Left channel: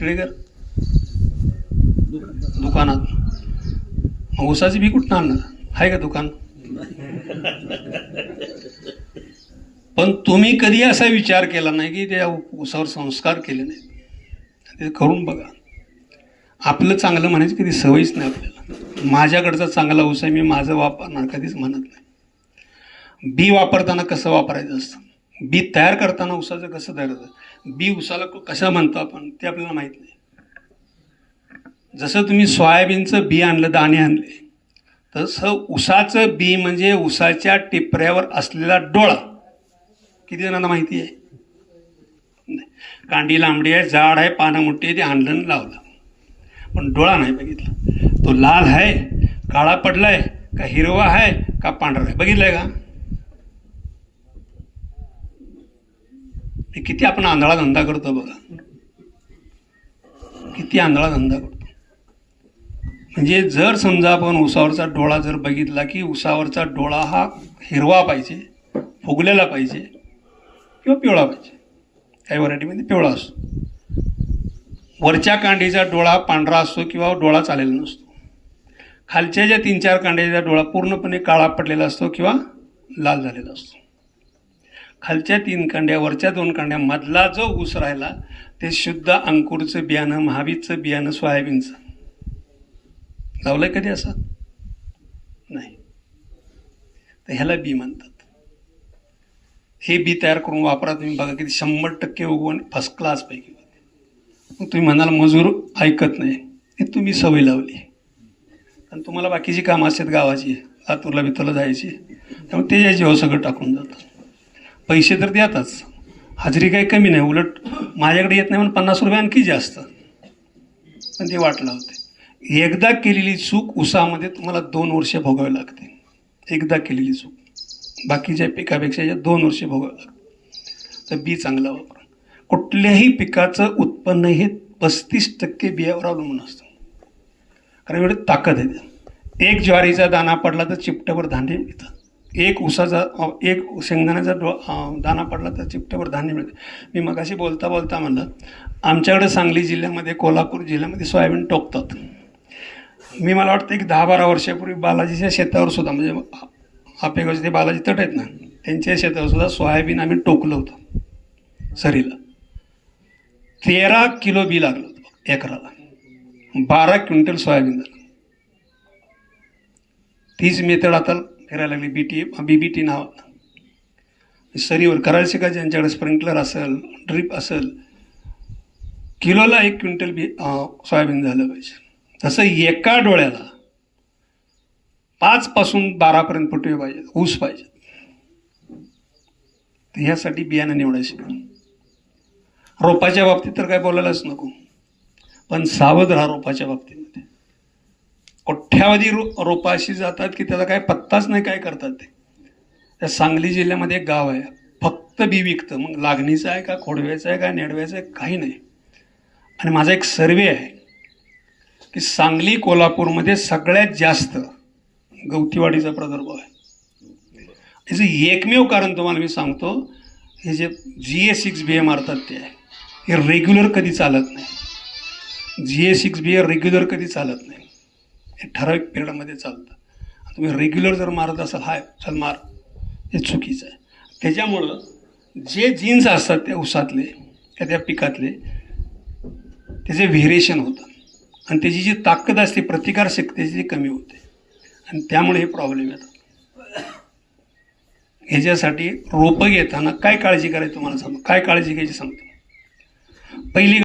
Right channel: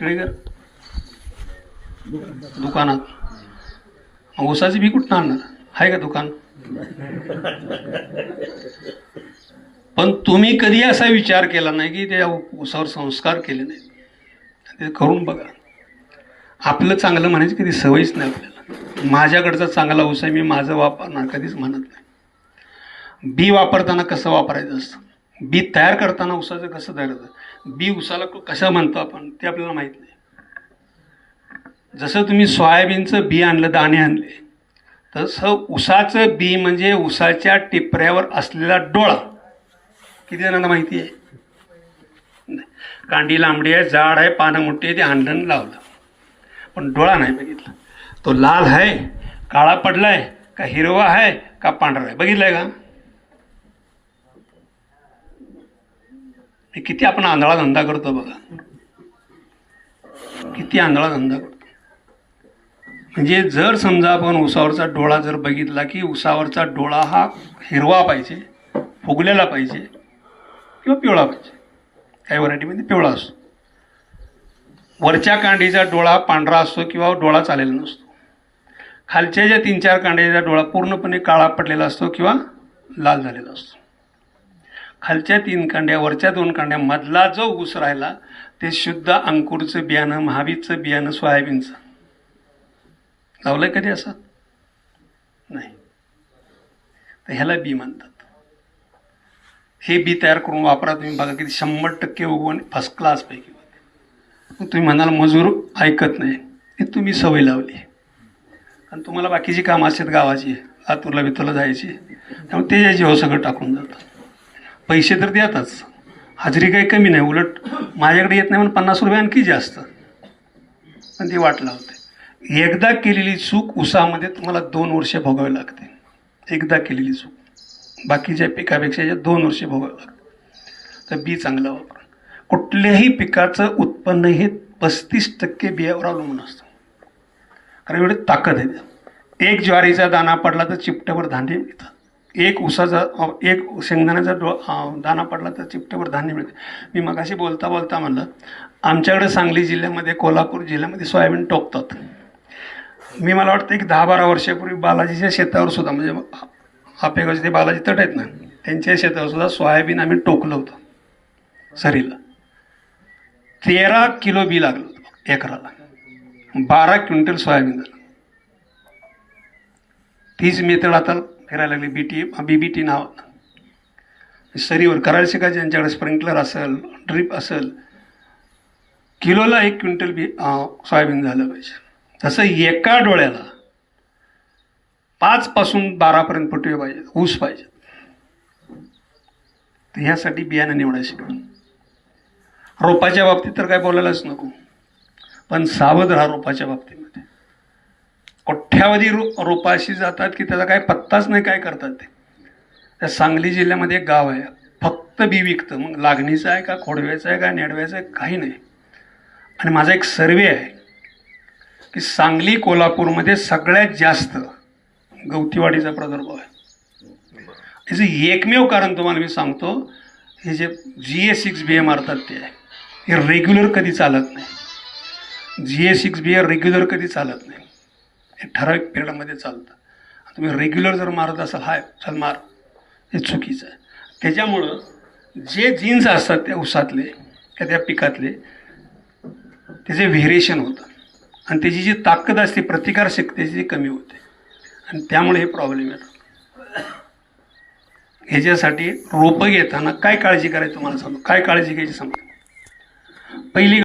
तिळेकर दुकानात. ऊसाची बी कुठं आणणार? आहे का दुकान? पण तुम्ही कधी असा विचार केला नाही की त्या ऊसावर संस्कार केले नाही? ते करून बघा. आपलं चांगलं म्हणायची कधी सवयच नाही आपल्याला. माझ्याकडचा चांगला ऊस आहे मी माझं वापरणार कधीच म्हणत नाही. बी वापरताना कसं वापरायचं असतं? बी तयार करताना उसाचं कसं तयार होतं? बी उसाला कशा म्हणतो आपण? ते आपल्याला माहीत नाही. जसं तुम्ही सोयाबीनचं बी आणलं दाणे आणले तसं उसाचं बी म्हणजे उसाच्या टिपऱ्यावर असलेला डोळा. किती जणांना माहिती आहे? नाही. कांडी लांबडी आहे जाड आहे पानं मोठी आहे ते आणलं लावलं. पण डोळा नाही बघितला. तो लाल आहे काळा पडला आहे का हिरवा आहे का पांढरा आहे? बघितलाय का? हे किती आपण आंधळा धंदा करतो बघा. किती आंधळा धंदा करतो. म्हणजे जर समजा आपण उसावरचा डोळा जर बघितला की उसावरचा डोळा हा हिरवा पाहिजे फुगलेला पाहिजे किंवा पिवळा पाहिजे. काही व्हरायटीमध्ये पिवळा असतो. वरच्या कांडीचा डोळा पांढरा असतो किंवा डोळा चालेला नसतो. खालच्या ज्या तीन चार कांड्याचा डोळा पूर्णपणे काळा पडलेला असतो किंवा लाल झालेला असतो. खालच्या तीन कांड्या वरच्या दोन कांड्या मधला जो ऊस राहिला ते शुद्ध अंकुरचं बियाणं महावीचं बियाणं सोयाबीनचं. लावलंय कधी असं? नाही. तर ह्याला बी म्हणतात. हे बी तयार करून वापरा तुम्ही बघा किती शंभर टक्के उगवण फर्स्ट क्लास पैकी मग तुम्ही म्हणाल मजूर ऐकत नाही. हे तुम्ही सवय लावली आणि तुम्हाला बाकीची कामं असतात गावाची लातूरला बितूरला जायची. त्यामुळे ते यायची हो सगळं टाकून जातं पैसे तर द्यातच हजेरी काही कमी नाही उलट माझ्याकडे येत नाही म्हणून पन्नास रुपये आणखी जास्त. पण ते वाटलं होते. एकदा केलेली चूक उसामध्ये तुम्हाला दोन वर्ष भोगावी लागते. एकदा केलेली चूक. बाकीच्या पिकापेक्षा याच्यात दोन वर्ष भोगावं लागतं. तर बी चांगलं वापर. कुठल्याही पिकाचं उत्पन्न हे पस्तीस टक्के बियावर अवलंबून असतं. कारण एवढी ताकद आहे. एक ज्वारीचा दाणा पडला तर चिपट्यावर धान्य येतात. एक उसाचा एक शेंगदाण्याचा डो दाणा पडला तर चिपट्यावर धान्य मिळते. मी मगाशी बोलता बोलता म्हणलं आमच्याकडे सांगली जिल्ह्यामध्ये कोल्हापूर जिल्ह्यामध्ये सोयाबीन टोकतात. मी मला वाटतं एक दहा बारा वर्षापूर्वी बालाजीच्या शेतावर सुद्धा म्हणजे आपेगावचे ते बालाजी तट आहेत ना त्यांच्या शेतावर सुद्धा सोयाबीन आम्ही टोकलं होतं सरीला. तेरा किलो बी लागलं होतं एकराला. बारा क्विंटल सोयाबीन झालं. तीच मेथड आता फिरायला लागली. बी टी बी बी टी नाव सरीवर करायला शिका ज्यांच्याकडे स्प्रिंकलर असेल ड्रीप असेल किलोला एक क्विंटल बी सोयाबीन झालं पाहिजे. तसं एका डोळ्याला पाच पासून बारापर्यंत पटवे पाहिजे ऊस पाहिजे. तर ह्यासाठी बियाणं निवडा रोपाच्या बाबतीत तर काय बोलायलाच नको. पण सावध राहा रोपाच्या बाबतीत. कोठ्यावधी रो रोपाशी जातात की त्याचा काय पत्ताच नाही काय करतात ते. त्या सांगली जिल्ह्यामध्ये एक गाव आहे. फक्त बी विकतं. मग लागणीचं आहे का खोडव्याचं आहे का नेडव्याचं आहे काही नाही. आणि माझा एक सर्वे आहे की सांगली कोल्हापूरमध्ये सगळ्यात जास्त गवतीवाडीचा प्रादुर्भाव आहे. याचं एकमेव कारण तुम्हाला मी सांगतो हे जे जी ए सिक्स बी ए मारतात ते आहे हे रेग्युलर कधी चालत नाही. जी ए सिक्स बी ए रेग्युलर कधी चालत नाही. हे ठराविक पिरियडमध्ये चालतं. तुम्ही रेग्युलर जर मारत असाल हाय चल मार. हे चुकीचं आहे. त्याच्यामुळं जे जीन्स असतात त्या उसातले त्या त्या पिकातले त्याचे व्हेरिएशन होतं आणि त्याची जी ताकद असते प्रतिकारशक्तीची त्याची ती कमी होते. आणि त्यामुळे हे प्रॉब्लेम येतात. ह्याच्यासाठी रोपं घेताना काय काळजी करायची तुम्हाला सांगतो? काय काळजी घ्यायची सांगतो? पहिली